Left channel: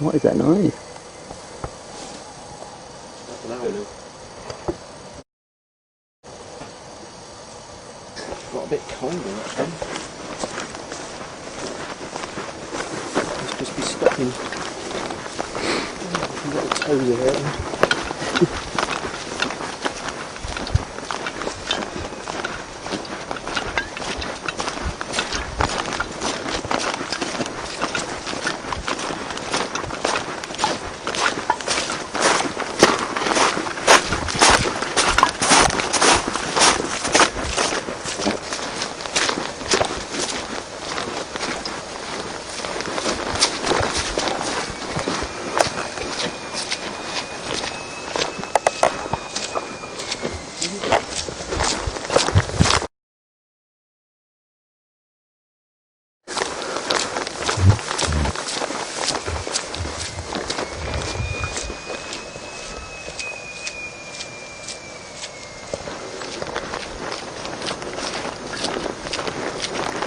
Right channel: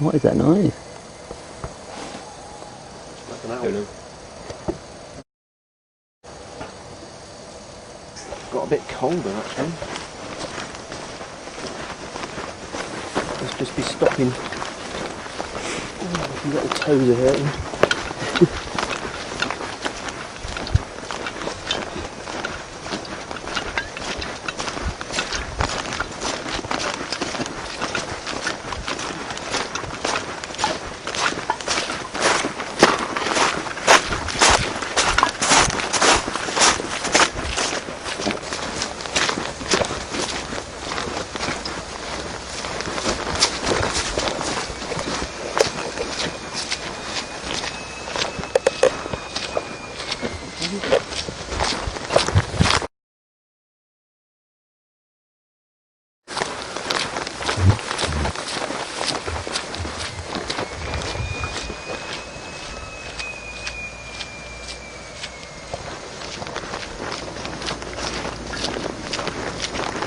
What is that noise? That's an owl. Got a bit colder actually. Must just be stopping. Oh, my little toes are hurting.